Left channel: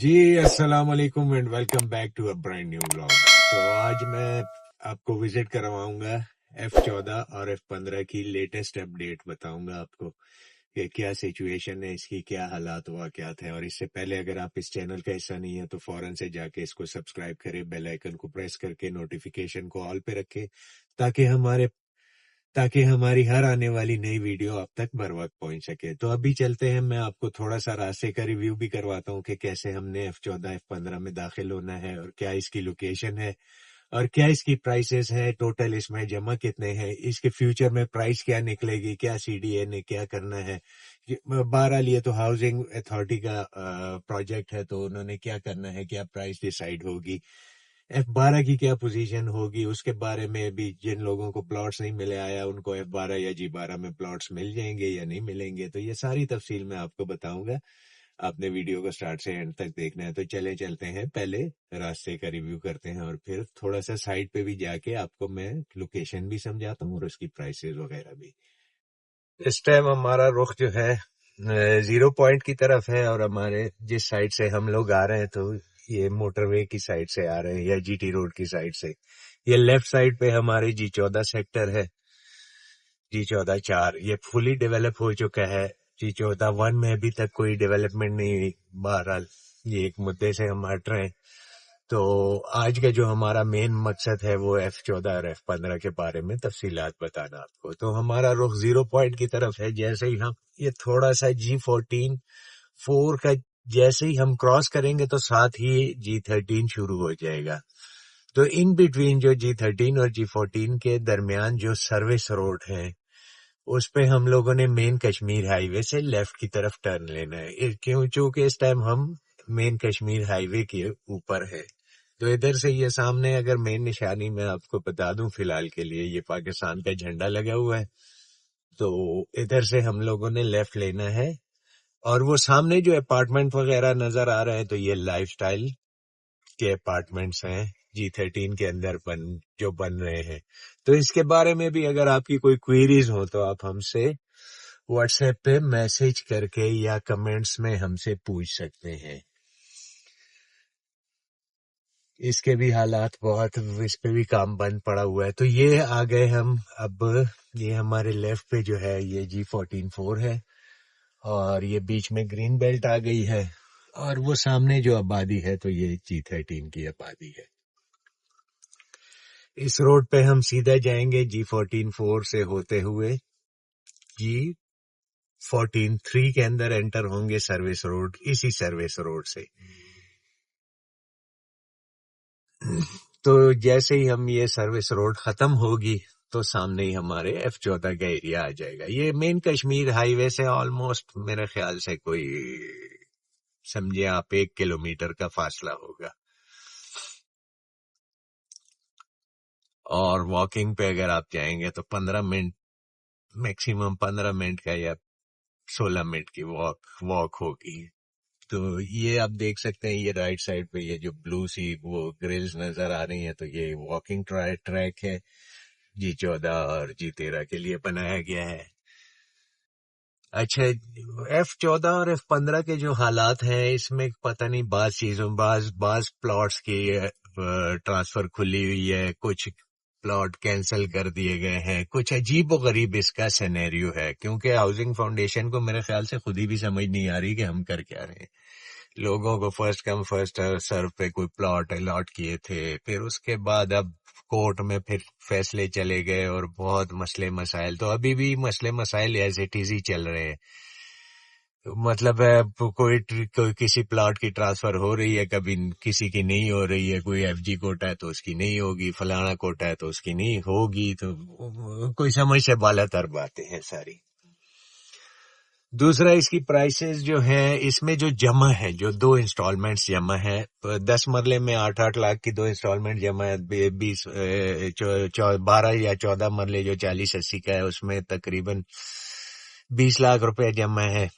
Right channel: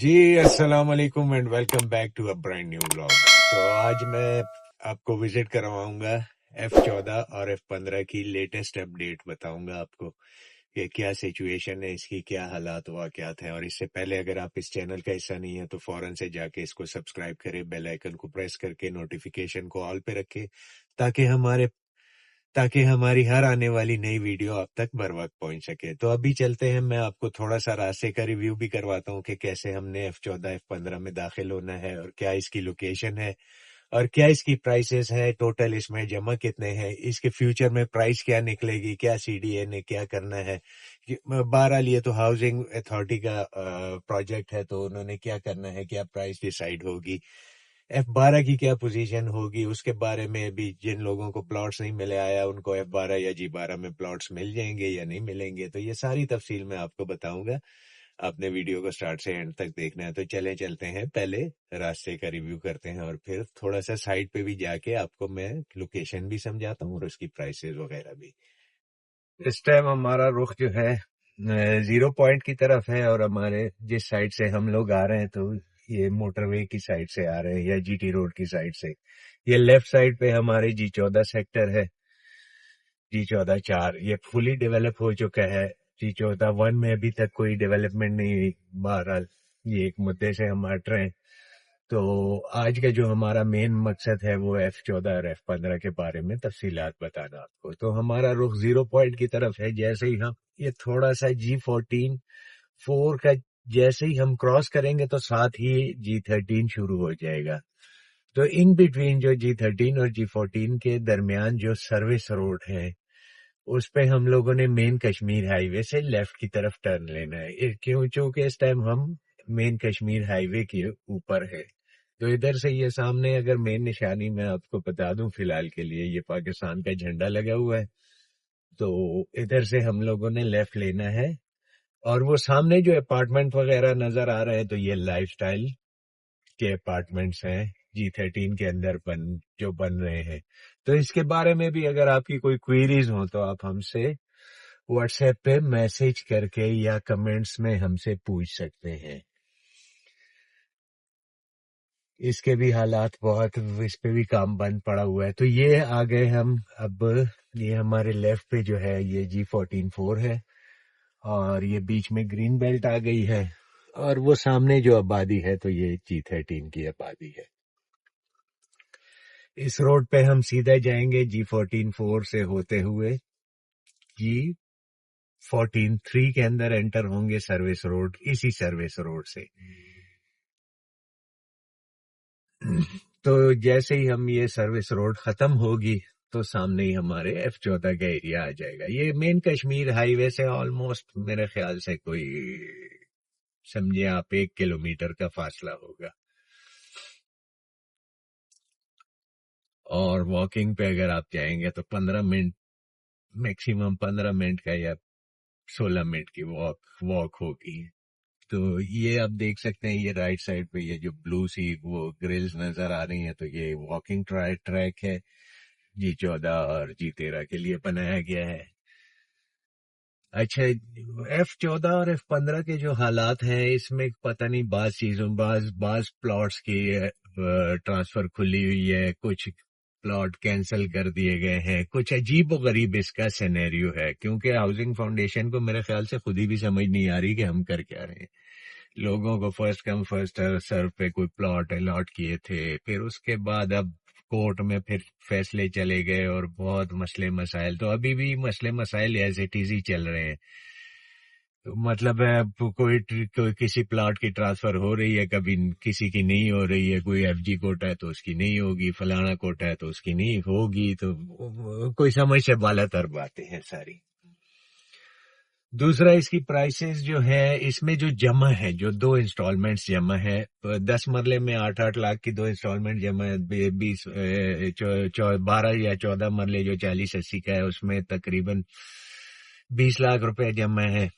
جی السلام علیکم and welcome back to a brand new vlog. تو آج میں آپ کو وزٹ کرواؤں گا F14 اور F15 کی لیٹسٹ اپڈیٹ بتاؤں گا آپ کو کہ کیا سچویشن ہے، اس کی کیا حالات واقعات ہیں. اور اس سے پہلے اگر آپ اس چینل کا حصہ نہیں ہے تو فوراً سے جا کے اس کو سبسکرائب کرے، بیل آئیکن کو پریس کر کے نوٹیفیکیشن کو آل پہ رکھے تاکہ ہماری ہر آنے والی نئی ویڈیو آپ تک بر وقت پہنچ سکے. تو ابھی چلتے ہیں، میں آپ کو تھوڑا سا راستے کا ریویو بھی کرواتا ہوں کہ کیسے ہم نے F14 F15 میں داخل ہونا ہے اور کیا اس کی لوکیشن ہے اور کیا اس کی پرائسز ہے، ٹوٹل اس میں جمع کتنے ہیں، اس کے فیوچر میں پرائس کیا نکلے گی، کیا CDA نے کیا کرنا ہے. بہرحال یہ تو ہاؤسنگ اتھارٹی کا پروجیکٹ ہے، تو انہوں نے کیا کرنا ہے، کیا پرائس ڈیسائیڈ ہوگی، F12 کی کیا پوزیشن ہوگی، اس کے بارے میں بھی جن لوگوں کو پلاٹس نہیں ملے آیا ان کو F12 یا G12 میں پلاٹس مل جائیں گے یا نہیں ملیں گے. تو یہ ساری تفصیل میں آپ کو بتاؤں گا. آپ نے ویڈیو کو سٹارٹ سے اینڈ تک دیکھنا ہے. تو چلتے ہیں، پہلے راستے کا ریویو کرتے ہیں اور پھر تھوڑا سا سائٹ پہ بھی جا کے آپ کو میں لوکیشن بھی سمجھاتا ہوں اور اس کی پرائسز وغیرہ بھی. اس ٹائم ہمارا رخ جو ہے زیرو پوائنٹ کی طرف ہے، اور ہمارے جس سائڈ سے ہم لوگ آ رہے ہیں تو یہ موٹر وے کی سائڈ سے آ رہے ہیں یا GT روڈ کی سائڈ سے. یہ لیفٹ سائڈ پہ ہمارے G14 سیکٹر ہے، G14-4 یہ فلی ڈیولپ ہو چکا ہے. G14-1 میں ابھی تک کوئی ڈیولپمنٹ نہیں ہوئی. بہرحال یہ ایک مدعے سے ہم ہٹ رہے ہیں. تو آج کا جو ہمارا مین مقصد ہے وہ F14 اور F15 کے بارے میں تفصیلات بتانا آپ کو. تو ہمارا رخ زیرو پوائنٹ کی طرف ہے. جیسے ہی ہم یہ تھوڑا سا G14-4 کا جیسے ہی ہم کراس کریں گے تو ساتھ ہی G13 شروع ہو جائے گا. تو ان بٹوین جو G13 اور G14 کے درمیان جو سروس روڈ ہے اس پہ ہم لوگوں نے مین کشمیر ہائی وے سے لیفٹ کی طرف ٹرن لینا ہے، چونکہ اس ٹائم ہم مین کشمیر ہائی وے کے اوپر ہے. تو ادھر سے یہ سامنے اگر مین نشانی میں آپ کو بتا دوں فی الحال کے لیے یہ پاکستان کا جھنڈا لگا ہوا ہے. تو ادھر سے ہم لوگوں نے لیفٹ لینا ہے، اور وہ سامنے جو اپارٹمنٹ وغیرہ نظر آ رہے ہیں تو یہ لائف سٹائل کے اپارٹمنٹس ہیں G13 کے اندر جو بن رہے ہیں. تو اس کے بارے میں بھی اگر آپ کی کوئی کوئریز ہوں تو آپ ہم سے واٹس ایپ پہ میسج کر کے یا کمنٹس میں ہم سے پوچھ سکتے ہیں. اس کے بھی حالات بہت، اس پہ بھی کام بند پڑا ہوا ہے. تو یہ آ گئے ہم اب، یہ ہمارے لیفٹ پہ جو ہے یہ G14-4 ہے، اور یہ بیچ میں گرین بیلٹ آ گئی ہے، اور وہ سامنے جو آبادی ہے تو یہ G13 کی آبادی ہے. اس روڈ پہ ہم سیدھا جائیں گے G14-4 سے ہوتے ہوئے G14-3 کے اندر انٹر ہوں گے سروس روڈ، اسی سروس روڈ سے. تو جیسے ہی ہم یہ سروس روڈ ختم ہوگی تو سامنے ہی ہمارے F14 کا ایریا آ جائے گا. یہ مین کشمیر ہائی وے سے آلموسٹ میرے خیال سے کوئی سمجھے آپ 1 کلومیٹر کا فاصلہ ہوگا، اور واکنگ پہ اگر آپ جائیں گے تو 15 منٹ، میکسیمم 15 منٹ کا یا 16 منٹ کی واک ہوگی. تو یہ آپ دیکھ سکتے ہیں، یہ رائٹ سائڈ پہ یہ جو بلو سی وہ گرلز نظر آ رہی ہیں تو یہ واکنگ ٹریک ہے، G14 اور G13 کے لیے بنایا گیا ہے. اچھا، F14 اور F15 کے جو حالات ہیں اس میں پتہ نہیں بعض چیزوں بعض پلاٹس کی ٹرانسفر کھلی ہوئی ہے، کچھ پلاٹ کینسل کر دیے گئے ہیں، کچھ عجیب و غریب اس کا سینیریو ہے. کیونکہ ہاؤسنگ فاؤنڈیشن کو میرے خیال سے خود ہی بھی سمجھ نہیں آ رہی کہ ہم کر کیا رہے ہیں. لوگوں کو فرسٹ کم فرسٹ سرو پہ کوئی پلاٹ الاٹ کیے تھے، پھر اس کے بعد اب کورٹ میں پھر فیصلے چلے گئے اور بہت مسئلے مسائل، تو ابھی بھی مسئلے مسائل ایز اٹ از ہی چل رہے ہیں. مطلب ہے کوئی کسی پلاٹ کی ٹرانسفر ہو رہی ہے، کبھی کسی کی نہیں ہو رہی ہے، کوئی FG کوٹا ہے تو اس کی نہیں ہوگی، فلانا کوٹا ہے تو اس کی نہیں ہوگی. تو کوئی سمجھ سے بالا تر باتیں ہیں ساری. دوسرا اس کی پرائسز جو ہے، اس میں جو جمع ہے، جو 2 انسٹالمنٹس جمع ہے، 10 مرلے میں 8 لاکھ کی 2 انسٹالمنٹ جمع ہے، 12 یا 14 مرلے جو 40-80 کا ہے اس میں تقریباً 20 لاکھ روپے جمع ہے.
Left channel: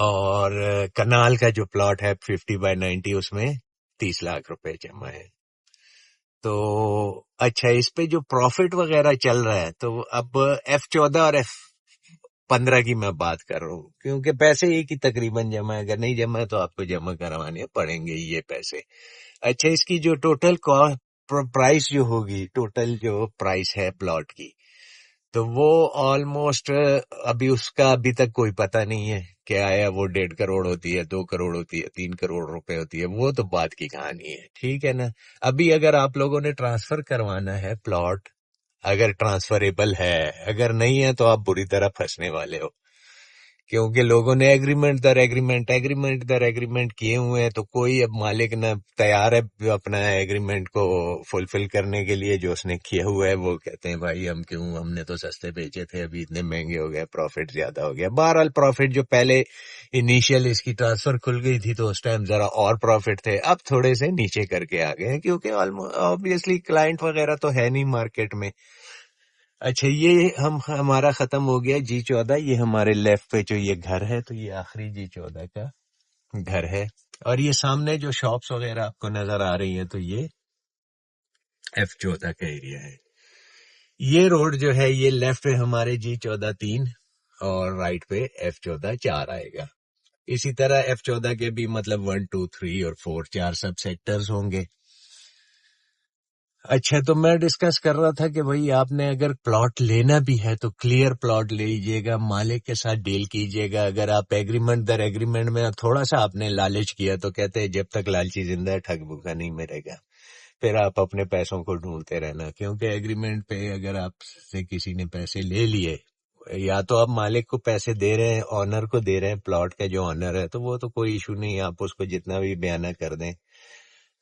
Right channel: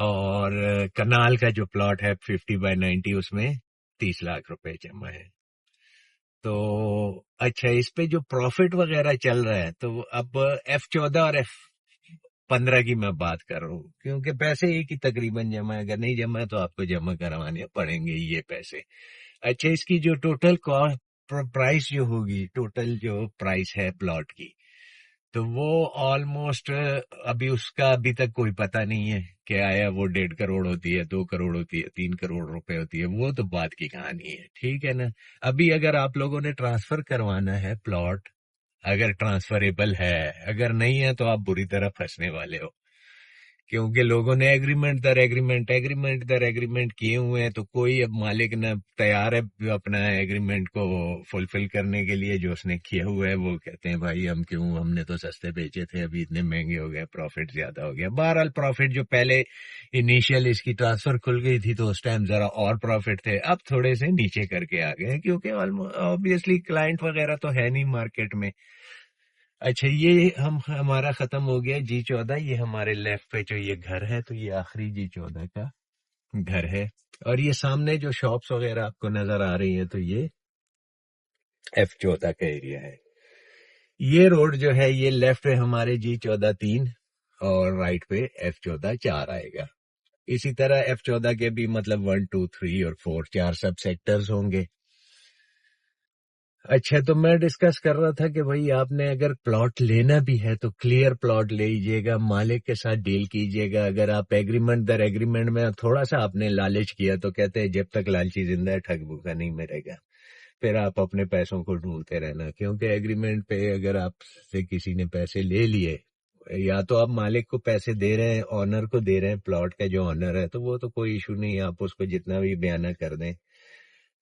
اور کنال کا جو پلاٹ ہے 50/90 اس میں 30 لاکھ روپے جمع ہے. تو اچھا، اس پہ جو پروفٹ وغیرہ چل رہا ہے تو اب F14 اور 15 کی میں بات کر رہا ہوں، کیونکہ پیسے ایک ہی تقریباً جمع ہے، اگر نہیں جمع ہے تو آپ کو جمع کروانے پڑیں گے یہ پیسے. اچھا، اس کی جو ٹوٹل پرائس جو ہوگی، ٹوٹل جو پرائس ہے پلاٹ کی، تو وہ آلموسٹ ابھی تک کوئی پتہ نہیں ہے کہ آیا وہ 1.5 کروڑ ہوتی ہے، 2 کروڑ ہوتی ہے، 3 کروڑ روپے ہوتی ہے، وہ تو بات کی کہانی ہے. ٹھیک ہے نا. ابھی اگر آپ لوگوں نے ٹرانسفر کروانا ہے پلاٹ، اگر ٹرانسفریبل ہے، اگر نہیں ہے تو آپ بری طرح پھنسنے والے ہو، کیونکہ لوگوں نے ایگریمنٹ در ایگریمنٹ کیے ہوئے ہیں، تو کوئی اب مالک نہ تیار ہے اپنا ایگریمنٹ کو فلفل کرنے کے لیے. جو اس نے کیا ہوا ہے وہ کہتے ہیں بھائی ہم نے تو سستے بیچے تھے، ابھی اتنے مہنگے ہو گئے، پروفٹ زیادہ ہو گیا. بہرحال پروفٹ جو پہلے انیشیل اس کی ٹرانسفر کھل گئی تھی تو اس ٹائم ذرا اور پروفٹ تھے، اب تھوڑے سے نیچے کر کے آ گئے ہیں، کیونکہ آبویسلی کلائنٹ وغیرہ تو ہے نہیں مارکیٹ میں. اچھا، یہ ہمارا ختم ہو گیا G14. یہ ہمارے لیفٹ پہ جو یہ گھر ہے، تو یہ آخری G14 کا گھر ہے. اور یہ سامنے جو شاپس وغیرہ آپ کو نظر آ رہی ہیں، تو یہ F14 کا ایریا ہے. یہ روڈ جو ہے یہ لیفٹ پہ ہمارے G14 3 اور رائٹ پہ F14 4 آئے گا. اسی طرح F14 کے بھی مطلب 1 2 3 اور 4 4 سب سیکٹرز ہوں گے. اچھا، تو میں ڈسکس کر رہا تھا کہ بھائی آپ نے اگر پلاٹ لینا بھی ہے تو کلیئر پلاٹ لیجیے گا، مالک کے ساتھ ڈیل کیجیے گا. اگر آپ ایگریمنٹ در ایگریمنٹ میں تھوڑا سا آپ نے لالچ کیا تو کہتے ہیں جب تک لالچی زندہ ہے ٹھگ بھوکا نہیں مرے گا، پھر آپ اپنے پیسوں کو ڈھونڈتے رہنا. کیونکہ ایگریمنٹ پہ اگر آپ سے کسی نے پیسے لے لیے، یا تو آپ مالک کو پیسے دے رہے ہیں، آنر کو دے رہے ہیں، پلاٹ کا جو آنر ہے، تو وہ تو کوئی ایشو نہیں، آپ اس کو جتنا بھی بیانہ کر دیں،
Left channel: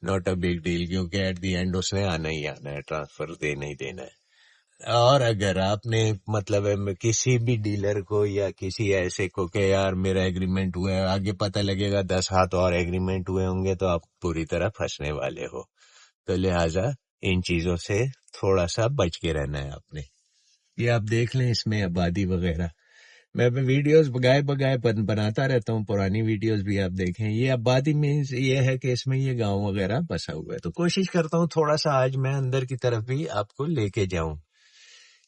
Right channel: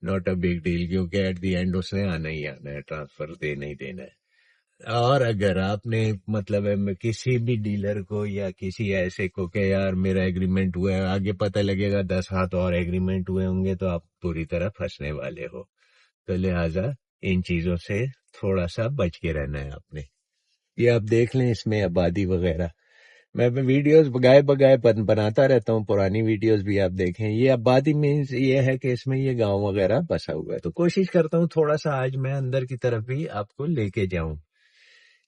ناٹ اے بگ ڈیل، کیونکہ ایٹ دی اینڈ اس نے آنا ہی آنا ہے، ٹرانسفر دینا ہی دینا ہے. اور اگر آپ نے مطلب کسی بھی ڈیلر کو یا کسی ایسے کو کہ یار میرا ایگریمنٹ ہوا ہے، آگے پتہ لگے گا 10 ہاتھ اور ایگریمنٹ ہوئے ہوں گے، تو آپ پوری طرح پھنسنے والے ہو. تو لہٰذا ان چیزوں سے تھوڑا سا بچ کے رہنا ہے آپ نے. یہ آپ دیکھ لیں اس میں آبادی وغیرہ، میں ویڈیوز بگائے بناتا رہتا ہوں، پرانی ویڈیوز بھی آپ دیکھیں. یہ آبادی مینس یہ ہے کہ اس میں یہ گاؤں وغیرہ بسا ہوا ہے. تو کوشش کرتا ہوں تھوڑا سا آج میں اندر کی طرف بھی آپ کو لے کے جاؤں.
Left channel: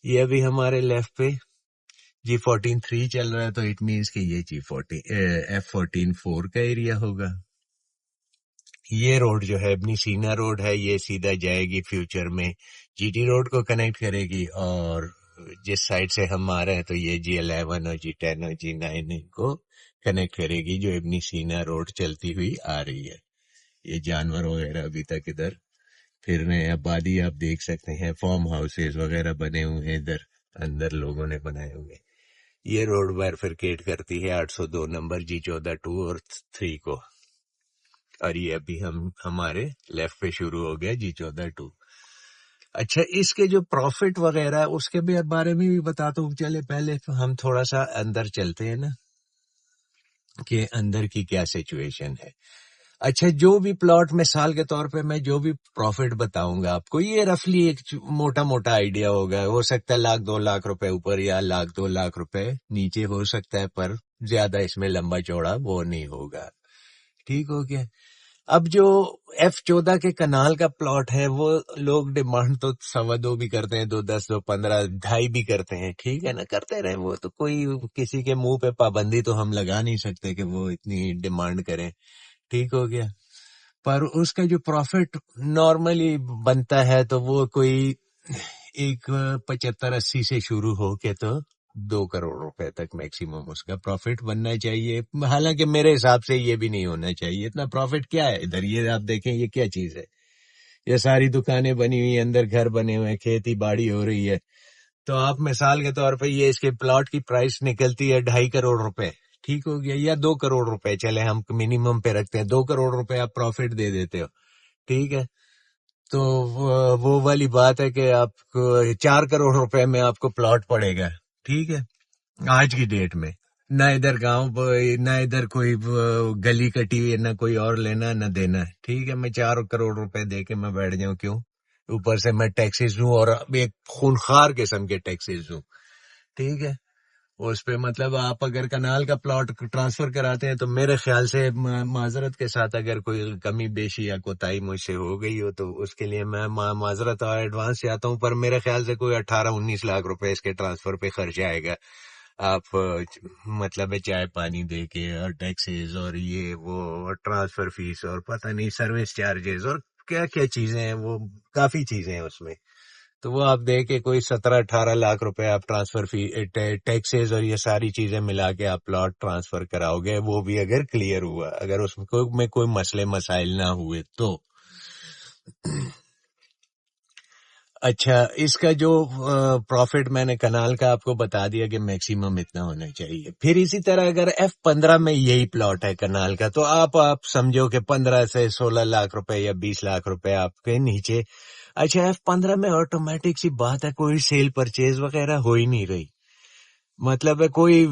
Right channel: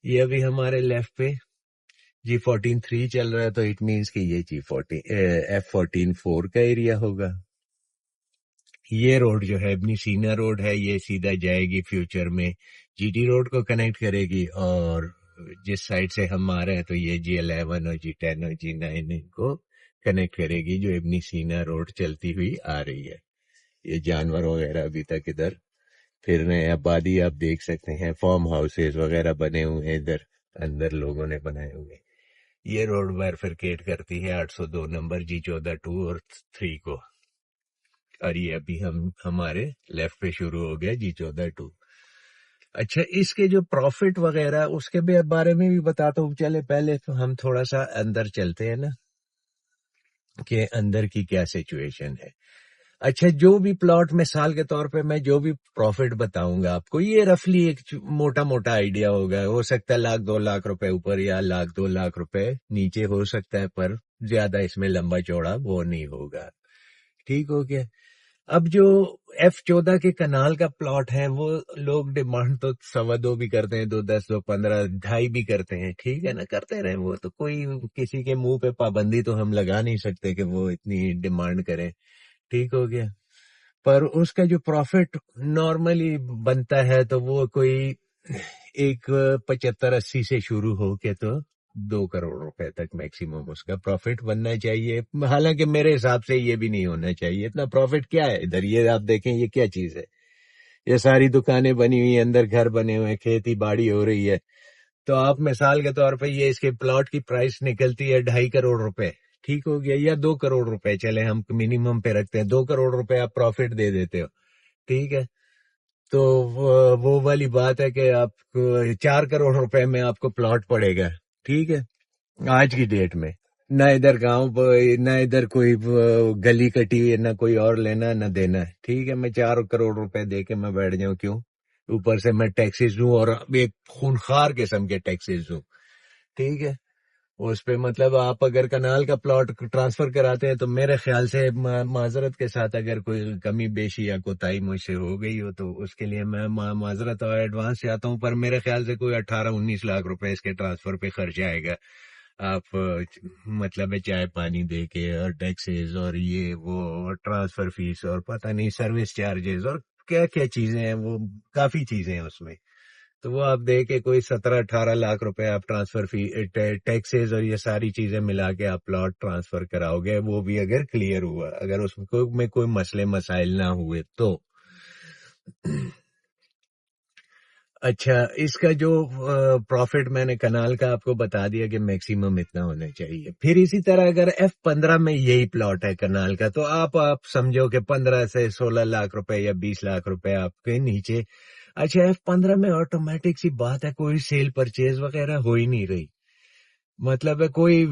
یہ ابھی ہمارے لیفٹ پہ G14 3 چل رہا ہے، تو اٹ مینس کہ یہ F14 4 کا ایریا ہوگا. یہ روڈ جو ہے ابنی سینا روڈ ہے، یہ سیدھا جائے گی فیوچر میں GT روڈ کو کنیکٹ کرے گی. اور جس سائڈ سے ہم آ رہے ہیں تو یہ G11 اور G10 اور G9 کو کنیکٹ کرے گی، جو ابنی سینا روڈ چلتی ہوئی آ رہی ہے. یہ جانور وغیرہ ابھی تک ادھر پھر رہے ہیں. آبادی آپ دیکھ سکتے ہیں، فارم ہاؤسز وغیرہ بنے ہوئے ہیں ادھر اندر، لوگوں نے بنائے ہوئے. یہ روڈ بائرفرکیٹ کرتی ہے 802 نمبر G14 2 اور 3 کو. اور یہ ابھی ہمارے لیفٹ پہ شروع ہو گیا G14 2. اچھا، اس کے جو پروفٹ وغیرہ اس کے بارے میں بھی بتاتا ہوں. چلے پہلے ہم تھوڑا سا اندر چلتے ہیں نا، کہ اندر کی کیا سچویشن ہے. اچھا، جو بھی پلاٹ مثال کے طور پہ میں جو بھی پروفٹ بتاؤں گا آپ کو، یہ رفلی ایک موٹا موٹا آئیڈیا ہوگا. ہو سکتا ہے 1,00,000-2,00,000 روپے اوپر یا 1,00,000-2,00,000 روپے نیچے ہو سکتا ہے، پر زیادہ اس میں لمبا چوڑا وہ نہیں ہوگا. ٹھیک ہو گیا. اب جو F14 کے کنال کا پلاٹ ہے، وہ لوگ ڈیمانڈ تو 2.25 بھی کرتے ہیں، 2.10 2.15 2.5 بھی کرتے ہیں. ٹھیک ہے نا، کرتے رہیں، وہ تو کوئی کسی کے منہ پہ پابندی تو ہم لگا نہیں سکتے کہ وہ اتنی ڈیمانڈ کریں. ٹھیک ہو گیا. پر اس کا جو پروفٹ نارملی بنتا ہے تو وہ کوئی 75-80 سے شروع ہو کے تو 2 کروڑ روپے تک میکسیمم اس کا پروفٹ بننا چاہیے. حالانکہ میرے حساب سے یہ بھی نہیں ہونا چاہیے. اتنا پروفٹ کیا ہے ادھر؟ یہ آپ دیکھیں، یہ کیا چیز ہے؟ یہ ساری دکانیں بنی ہوئی ہیں، اندر گھر بنے ہوئے ہیں، کھیتی باڑی ہو رہی ہے. تو آپ مثال کے طور پہ یہ اس کے پلاٹ کی پرائس نکلتی ہے 2.5 کروڑ روپے. ٹھیک ہو گیا، یا 2 کروڑ روپے، چلے ہم منیمم پہ رکھتے ہیں 2 کروڑ روپے آپ پروفٹ دے دیتے ہو. ٹھیک ہے. تو وہ والی بات ہے کہ آپ کو 4 کروڑ روپے میں آپ کو پلاٹ پڑے گا. ٹھیک ہے، آج کی ڈیٹ میں نہ ادھر گاؤں نہ ادھر کوئی گلی کٹی ہے، نہ کوئی اور لینا نہ دینا. ٹھیک ہے، میں 4 کروڑ روپے دے کے میں بیٹھ جاؤں، کیوں؟ اوپر سے میں ٹیکسز دوں، اور ایک خونخوار قسم کے ٹیکسز دوں. ٹھیک ہے. اس پہ مطلب آپ اگر کنال کا پلاٹ ٹرانسفر کراتے ہیں تو میرے خیال سے معذرت کے ساتھ اگر کوئی کمی بیشی یا کوتاہی مجھ سے ہو گئی ہو تو اس کے لیے میں معذرت اور ایڈوانس چاہتا ہوں. پر میرے خیال سے کوئی 18-19 لاکھ روپے اس کے ٹرانسفر پہ خرچ آئے گا. آپ مطلب ہے چائے پانی دے کے اور ٹیکسز اور یہ وہ اور ٹرانسفر فیس اور پتہ نہیں سروس چارجز اور کیا کیا چیزیں ہیں، وہ کافی چیزیں ہیں اس میں. تو وہ آپ دے کے کوئی 17-18 لاکھ روپے آپ ٹرانسفر فی ٹیکسز اور یہ ساری چیزیں ملا کے آپ پلاٹ ٹرانسفر کراؤ گے، وہ بھی اگر کلیئر ہوا، اگر اس میں کوئی مسئلے مسائل نہ ہوئے تو. اچھا، اس کا جو پروفٹ میں نے کنال کا آپ کو بتا دیا کہ میکسیمم اتنا ہونا چاہیے. پھر اسی طرح اگر F15 میں یہی پلاٹ ہے کنال کا، تو آپ سمجھو کہ 15 سے 16 لاکھ روپے یا 20 لاکھ روپے آپ کے نیچے. اچھا، F15 میں آٹومیٹک سی بات ہے، کوئی سیل پرچیز وغیرہ ہو ہی نہیں رہی. مطلب ہے کوئی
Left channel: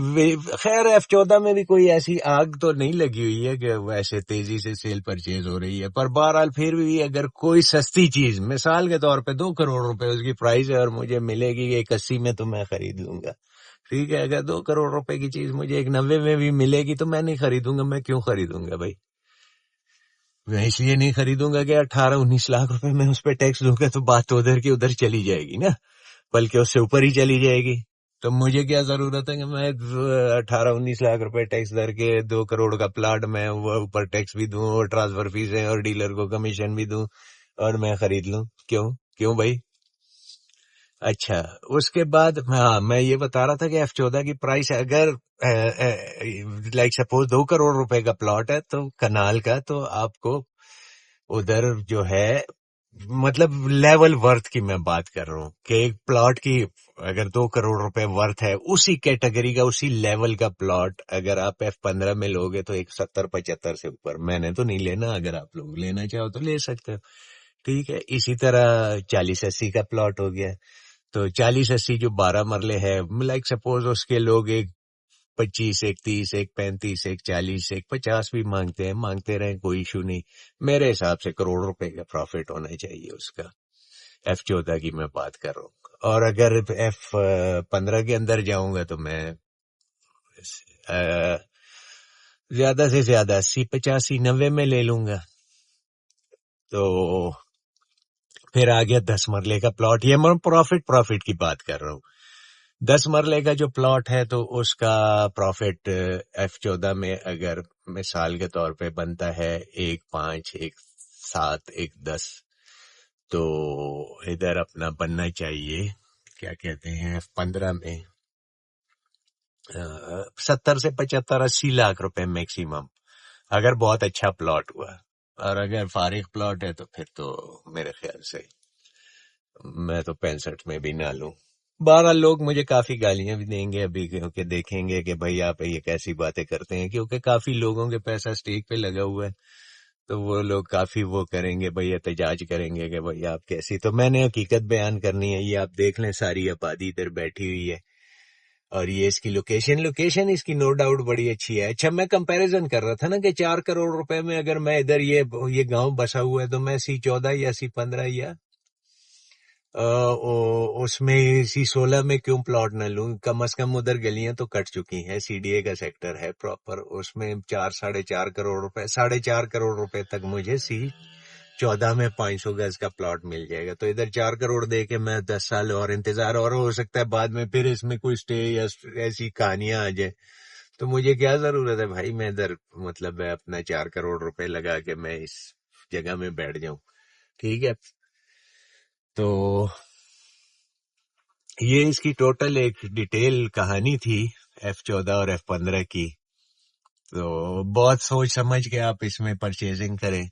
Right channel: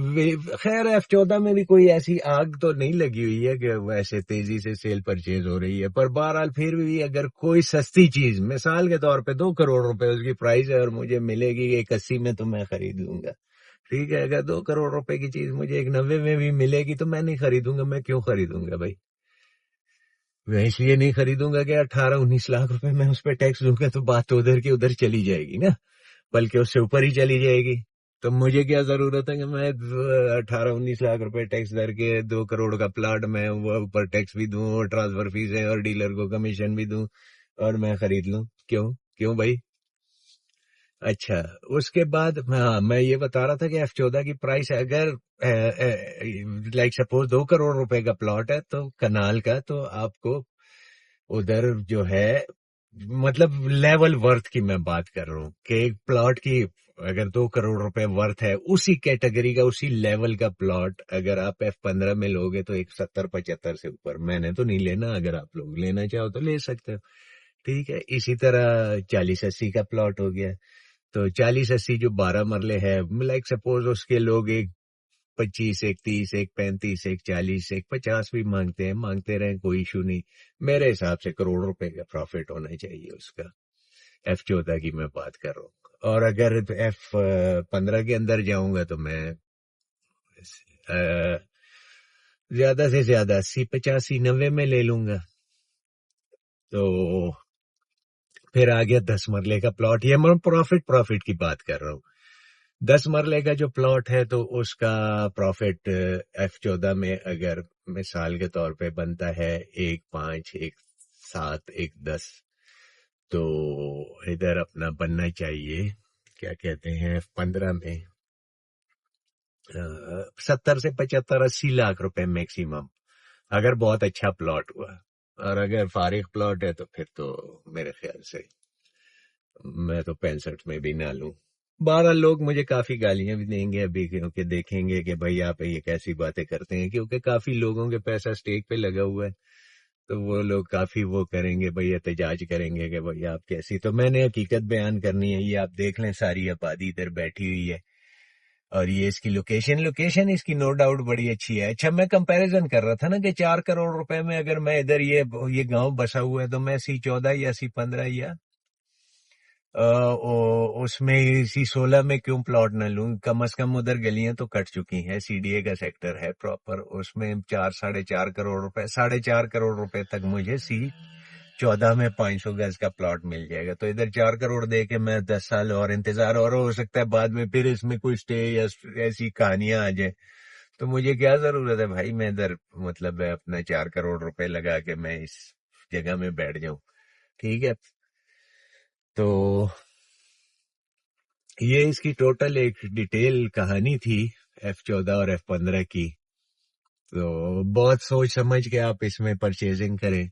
خیر F14 میں بھی کوئی ایسی آگ تو نہیں لگی ہوئی ہے کہ ایسے تیزی سے سیل پرچیز ہو رہی ہے، پر بہرحال پھر بھی اگر کوئی سستی چیز مثال کے طور پہ 2 کروڑ روپے اس کی پرائز ہے اور مجھے ملے گی 81 میں، تو میں خرید لوں گا. ٹھیک ہے، اگر 2 کروڑ روپے کی چیز مجھے 90 میں بھی ملے گی تو میں نہیں خریدوں گا. میں کیوں خریدوں گا بھائی؟ میں اس لیے نہیں خریدوں گا کہ 18-19 لاکھ روپے میں اس پہ ٹیکس دوں گا تو بات تو ادھر کی ادھر چلی جائے گی نا، بلکہ اس سے اوپر ہی چلی جائے گی. تو مجھے کیا ضرورت ہے کہ میں 18-19 لاکھ روپے ٹیکس در کے 2 کروڑ کا پلاٹ میں وہ اوپر ٹیکس بھی دوں اور ٹرانسفر فیس ہے اور ڈیلر کو کمیشن بھی دوں اور میں خرید لوں؟ کیوں بھائی؟ اچھا، اس کے بعد ہاں میں یہ بتا رہا تھا کہ F14 کی پرائس اگر لائک سپوز 2 کروڑ روپے کا پلاٹ ہے تو کنال کا، تو آپ کو ادھر جو ہے مطلب لیول ورتھ کی میں بات کر رہا ہوں کہ ایک پلاٹ کی اگر 2 کروڑ روپے ورتھ ہے اسی کیٹیگری کا اسی لیول کا پلاٹ اگر آپ F15 میں لوگے تو 70-75 سے اوپر. میں نے تو نہیں لینا، اگر آپ لوگ لینا چاہو تو لے سکتے ہو. ٹھیک ہے، اسی طرح 40-80 کا پلاٹ ہو گیا تو 40-80 جو 12 مرلے ہے، لائک سپوز اس کے لوگ ایک 25، ایک 30، ایک 35، ایک 40، ایک 50 بھی مانگتے رہیں، کوئی ایشو نہیں. میرے حساب سے کروڑ روپے کا پروفٹ ہونا چاہیے اس کا. F14 کی میں بات کر رہا ہوں. اور اگر F15 کے اندر جاؤں گا تو میں زیادہ سے زیادہ 80-85-90 میں لے لوں گا. تو پھر آ گیا 10 مرلے کا پلاٹ. یہ میں پروفٹ کی بات کر رہا ہوں. 10 مرلے کا جو پلاٹ ہے تو اس کا پروفٹ F14 میں اگر مثال کے طور پہ بنتا ہے 1.5، 1.7، 1.10، تو ادھر اپنا بننا چاہیے کیا کہتے ہیں F15 میں 70 سے 75-80 لاکھ روپے میکسیمم اگر بہت اچھا پلاٹ ہوا. اور اگر فارغ پلاٹ ہے تو پھر تو میرے خیال سے میں تو 65 میں بھی نہ لوں. 12 لوگ مجھے کافی گالیاں بھی دیں گے ابھی، کیونکہ دیکھیں گے کہ بھائی آپ یہ کیسی باتیں کرتے ہیں، کیونکہ کافی لوگوں کے پیسہ سٹیک پہ لگا ہوا ہے. تو وہ لوگ کافی وہ کریں گے بھائی، احتجاج کریں گے کہ بھائی آپ کیسی. تو میں نے حقیقت بیان کرنی ہے. یہ آپ دیکھ لیں ساری آبادی ادھر بیٹھی ہوئی ہے اور یہ اس کی لوکیشن اس کی نو ڈاؤٹ بڑی اچھی ہے. اچھا، میں کمپیریزن کر رہا تھا نا کہ 4 کروڑ روپے میں اگر میں ادھر یہ گاؤں بسا ہوا ہے تو میں C14 یا C15 یا اس میں C16 میں کیوں پلاٹ نہ لوں؟ کم از کم ادھر گلیاں تو کٹ چکی ہیں، CDA کا سیکٹر ہے پراپر، اس میں 4-4.5 کروڑ روپے 4.5 کروڑ روپے تک مجھے C14 میں 500 گز کا پلاٹ مل جائے گا. تو ادھر 4 کروڑ دے کے میں 10 سال اور انتظار، اور ہو سکتا ہے بعد میں پھر اس میں کوئی سٹے یا ایسی کہانیاں آ جائیں. تو مجھے کیا ضرورت ہے بھائی، میں ادھر مطلب ہے اپنا 4 کروڑ روپے لگا کے میں اس جگہ میں بیٹھ جاؤں. ٹھیک ہے، تو یہ اس کی ٹوٹل ایک ڈیٹیل کہانی تھی F14 اور F15 کی. تو بہت سوچ سمجھ کے آپ اس میں پرچیزنگ کریں.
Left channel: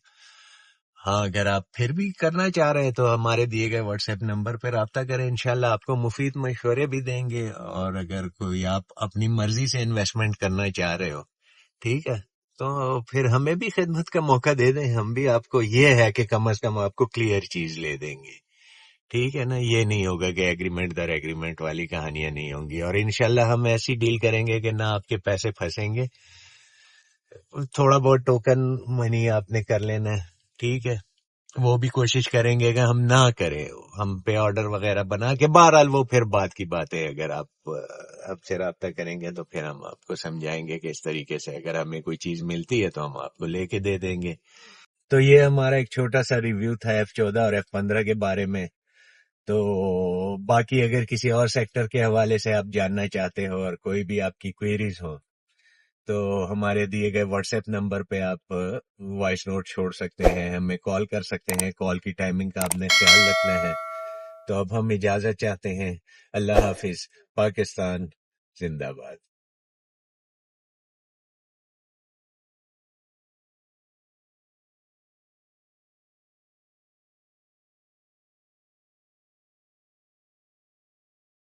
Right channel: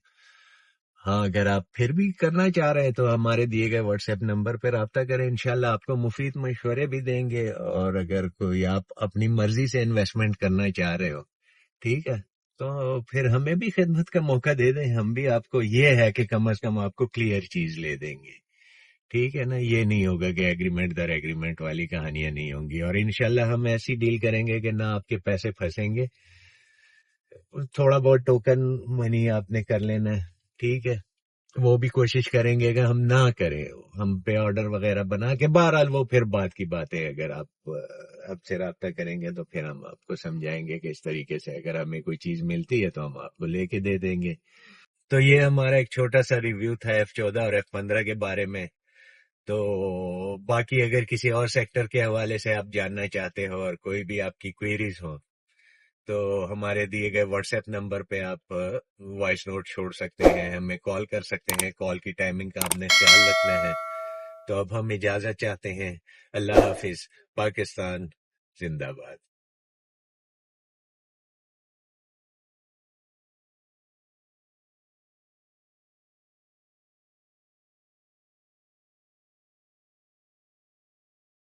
ہاں، اگر آپ پھر بھی کرنا چاہ رہے ہیں تو ہمارے دیے گئے واٹس ایپ نمبر پہ رابطہ کریں. انشاءاللہ آپ کو مفید مشورے بھی دیں گے. اور اگر کوئی آپ اپنی مرضی سے انویسٹمنٹ کرنا چاہ رہے ہو، ٹھیک ہے، تو پھر ہمیں بھی خدمت کا موقع دے دیں. ہم بھی آپ کو یہ ہے کہ کم از کم آپ کو کلیئر چیز لے دیں گے. ٹھیک ہے نا، یہ نہیں ہوگا کہ ایگریمنٹ در ایگریمنٹ والی کہانیاں نہیں ہوں گی. اور انشاءاللہ ہم ایسی ڈیل کریں گے کہ نہ آپ کے پیسے پھنسیں گے. تھوڑا بہت ٹوکن منی آپ نے کر لینا ہے، ٹھیک ہے، وہ بھی کوشش کریں گے کہ ہم نہ کریں. ہم پہ آرڈر وغیرہ بنا کے، بہرحال وہ پھر بات کی بات ہے. اگر آپ سے رابطہ کریں گے تو پھر ہم آپ کو سمجھائیں گے کہ اس طریقے سے اگر ہمیں کوئی چیز ملتی ہے تو ہم آپ کو لے کے دے دیں گے. تو یہ ہمارا ایک چھوٹا سا ریویو تھا F14 اور F15 کے بارے میں. تو باقی اگر کسی اور سیکٹر کے حوالے سے آپ جاننا چاہتے ہو اور کوئی بھی آپ کی کوئریز ہو تو ہمارے دیے گئے واٹس ایپ نمبر پہ آپ وائس نوٹ چھوڑ سکتے ہیں, ہمیں کال کر سکتے ہیں. کال کی ٹائمنگ کا آپ نے خیال رکھنا ہے. تو اب ہم اجازت چاہتے ہیں. اللہ حافظ. پاکستان زندہ باد.